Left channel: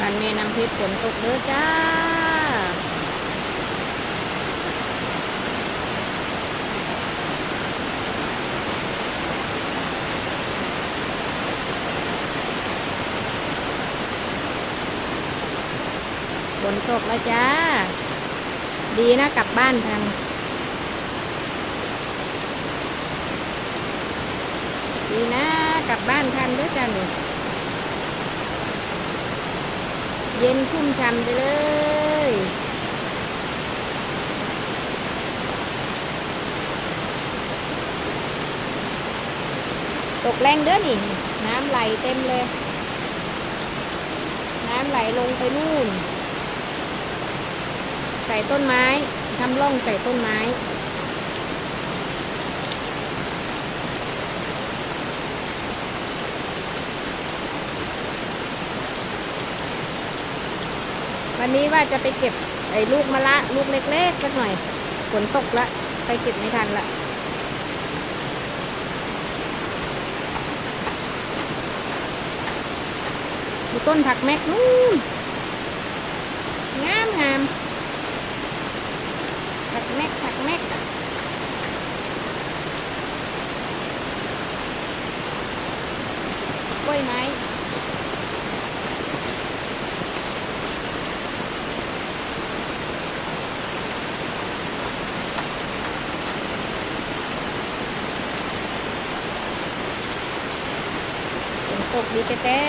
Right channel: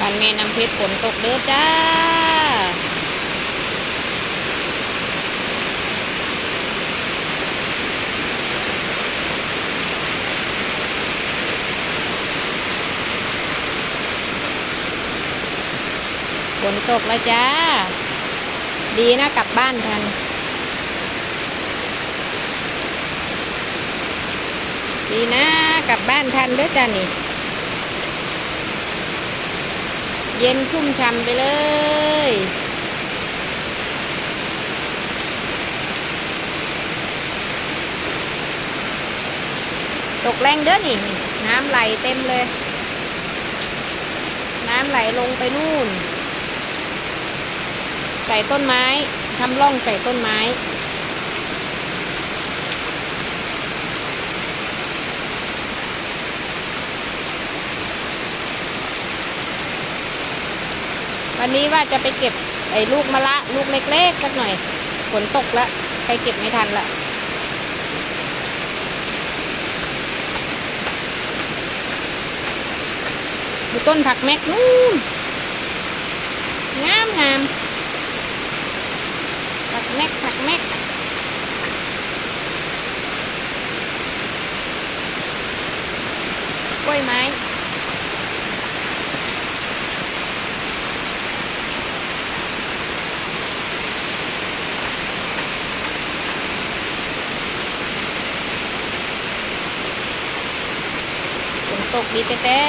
บ้านแม่น้ำเพชรฝนตกเด้อจ้า ฝนตกแล้วจ้า ดีนะกลับบ้านทันดีนะกลับบ้านทันเด้อจ้านี่ เย็นชุ่มช่ำไปเลย ตกแรงเด้อนี่ น้ำไหลเต็มเลย น้ำไหลลงไปนู่น ใส่ต้นไม้ทำร่องใส่ต้นไม้ วันนี้ว่าจะไปเก็บไอ้ลูกมะละลูกเล็กๆสักหน่อยฝนตกละไปเก็บไม่ทันละดูต้นผักแมกนู่นงามงามผักแมกผักแมกกล้วยไม้ นตกดีแต่